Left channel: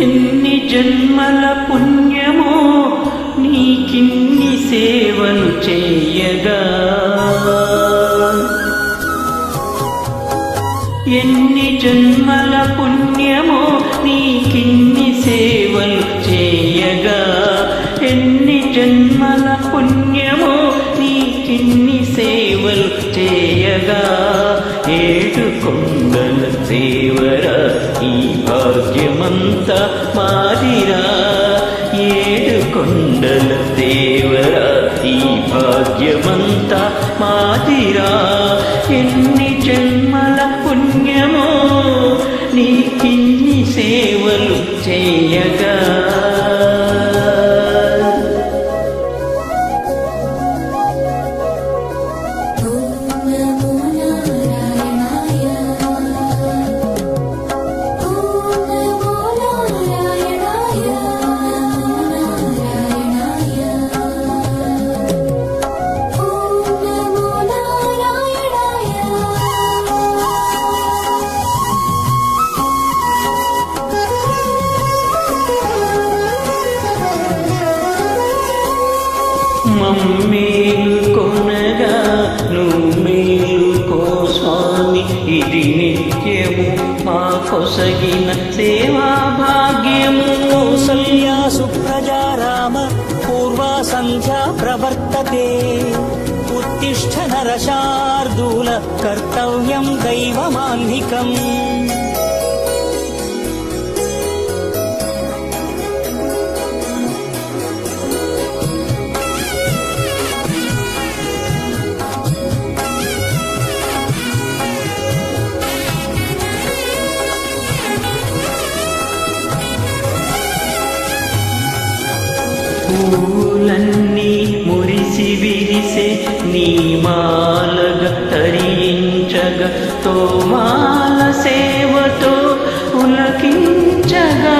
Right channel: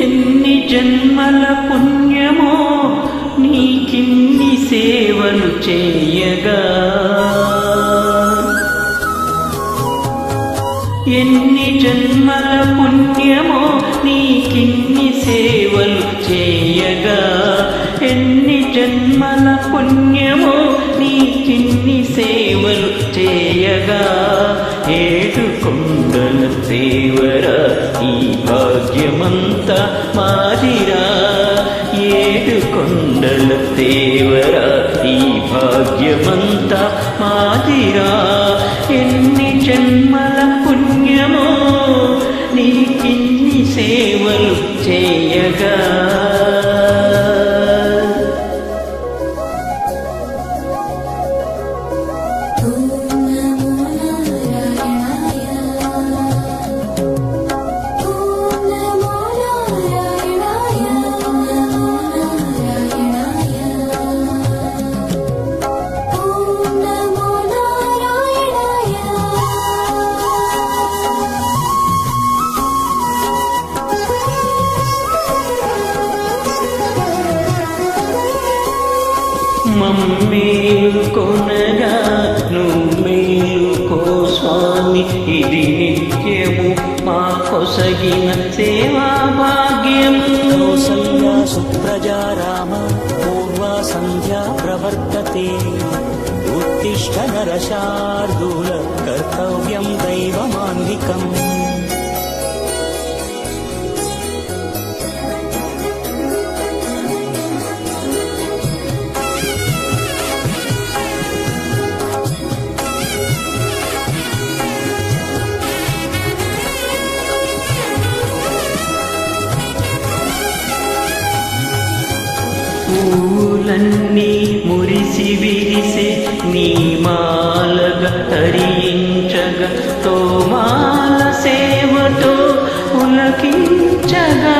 ఎన్ని జన్మల పుణ్యమో నీకిన్ని సేవలు చేయగా, ఎన్ని జన్మల పుణ్యమో నీకిన్ని సేవలు చేయగా, ఎన్ని జన్మల పుణ్యమో నీకిన్ని సేవలు చేయగా, ఏడు కొండల దేవరా ఈ భాగ్యమంతా మాదిరా, ఏడు కొండల దేవరా ఈ భాగ్యమంతా మాదిరా, ఎన్ని జన్మల పుణ్యమో నీకిన్ని సేవలు చేయగా. మమ్మేలు కొనగా నువ్వేలుకో స్వామి, ఇది నిత్యము మా కొసగిన సేవా భాగ్యము. సుప్రజారామ పూర్వా సంధ్యా ప్రవర్తతే, ఉత్తిష్ఠ నరశార్దూల కర్తవ్యం దైవమాన్నికం. పూలన్నీ మురిసి విరిసే నీ మాలగా తరించగా, తోమాల సేవతో పులకించగా,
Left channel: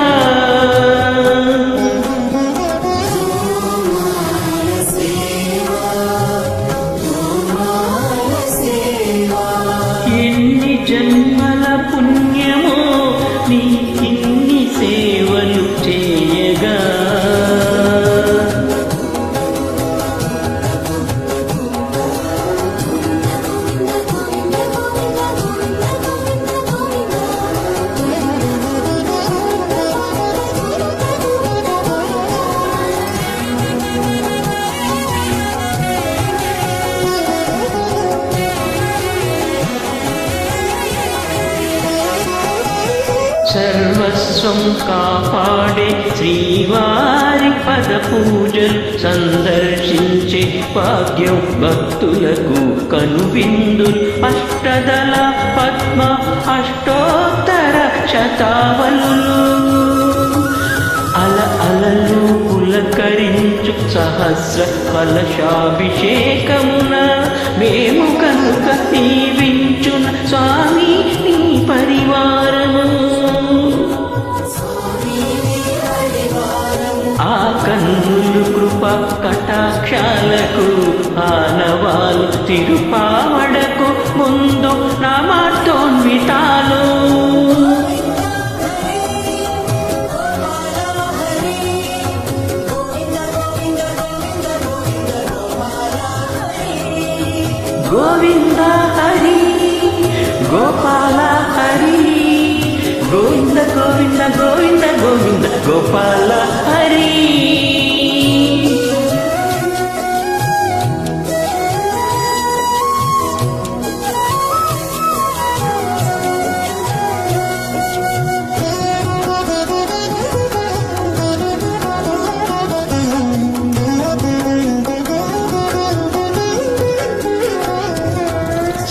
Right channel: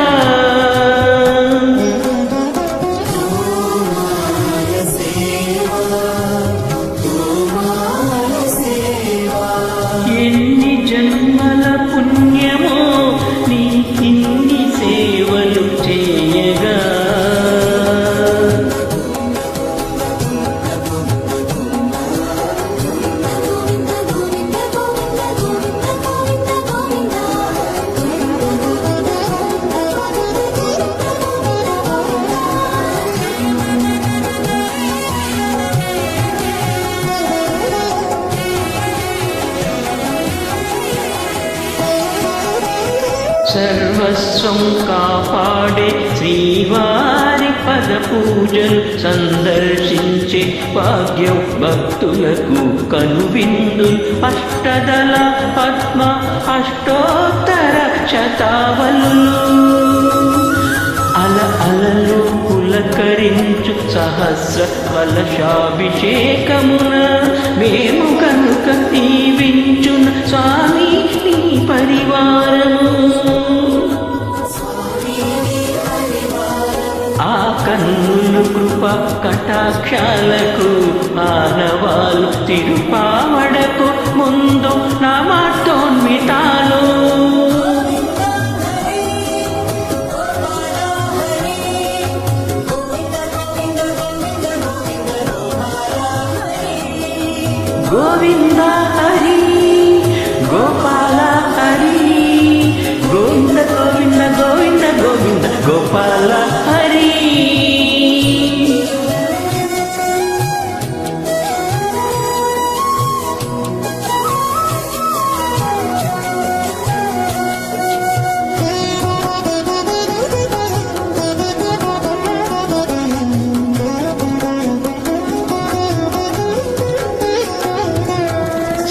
ఎన్ని జన్మల పుణ్యమో నీకిన్ని సేవలు చేయగా. సర్వస్వం కాపాడే శ్రీవారి పద పూజలు సందర్శించే భాగ్యం భక్తులకు కనువిందులు, అష్టదళ పద్మ అష్టోత్తర శతావలులు, అల అలలు పులకరించు సహస్ర కలశాభిషేకమున, మేము కనుక దీవించున స్వామి నీ పరివారము. ఆ కన్నులు కృప కటాక్షాలకు ఆనవాలు, తిరుపావడకు ముందు నామార్థోన్వితాలు. గోవింద హరి గోపాల హరి, గోవింద గోవింద గోవింద గోవింద గోపాల హరి.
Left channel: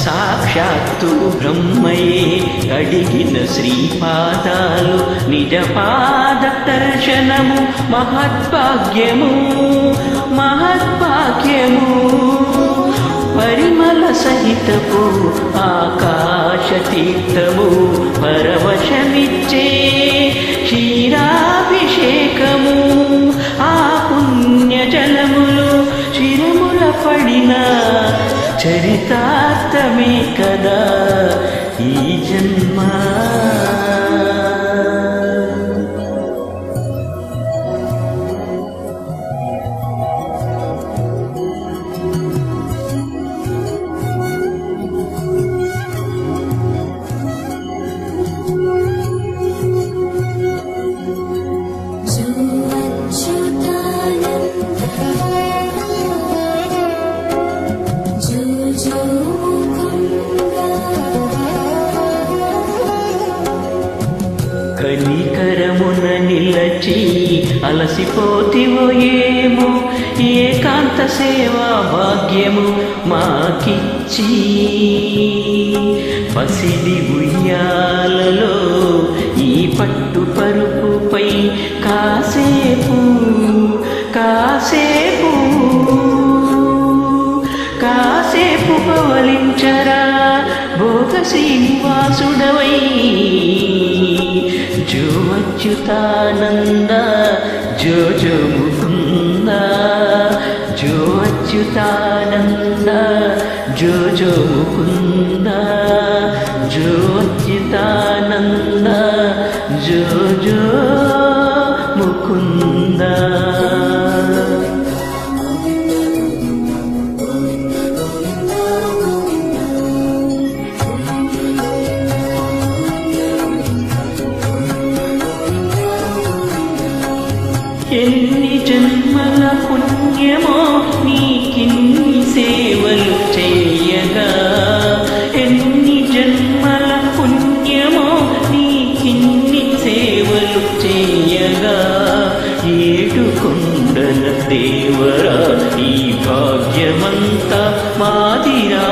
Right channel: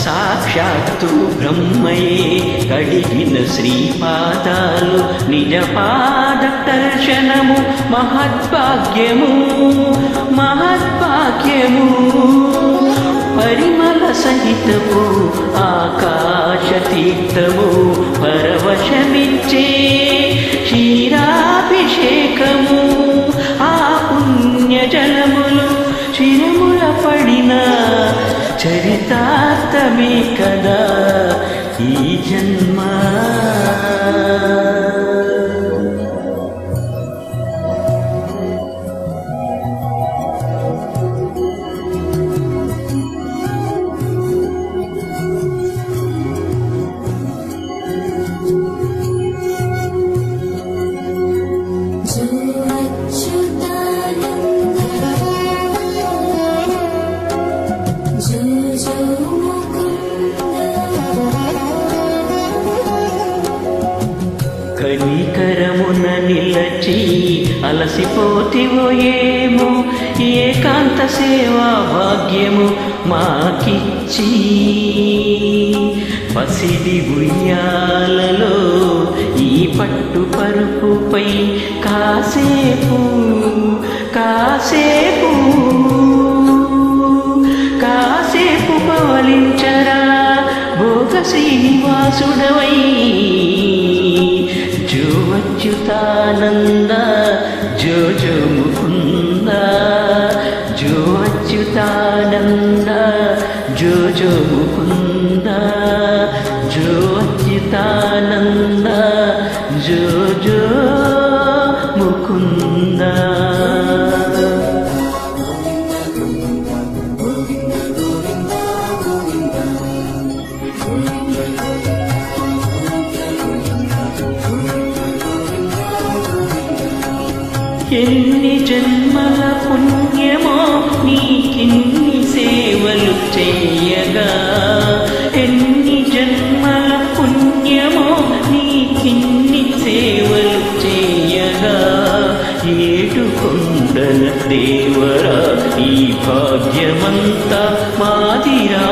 సాక్షాత్తు బ్రహ్మయే కడిగిన శ్రీపాదాలు, నిజపాద దర్శనము మహద్భాగ్యము మహద్భాగ్యము. పరిమళ సహితపు ఆకాశ తీర్థము, పరవశమిచ్చే క్షీరాభిషేకము, ఆ పుణ్య జలములు శిరముల పడిన చరితార్థమే కదా ఈ జన్మ. కనికరమున నిలచి అలసిపోతివో ఏమో ఏకాంత సేవా భాగ్యము మాకిచ్చి పసిడి ఉయ్యాలలో ఈ పట్టు పరుపుపై కాసేపు కాసేపు కాసేపు పవలించరా భోగ శ్రీనివాసుడవై జో అచ్యుతానంద జో జో ముకుంద జో అచ్యుతానంద జో జో ముకుంద జో అచ్యుతానంద జో జో ముకుంద. ఎన్ని జన్మల పుణ్యమో నీకిన్ని సేవలు చేయగా ఎన్ని జన్మల పుణ్యమో నీకిన్ని సేవలు చేయగా ఏడు కొండల దేవరా ఈ భాగ్యమంతా మాదిరా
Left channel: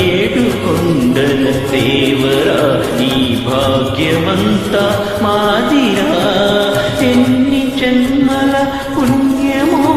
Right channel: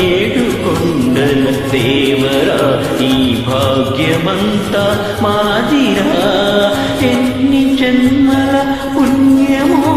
ఏడు కొండల దేవరా ఈ భాగ్యమంతా మాదిరా ఎన్ని జన్మల పుణ్యమో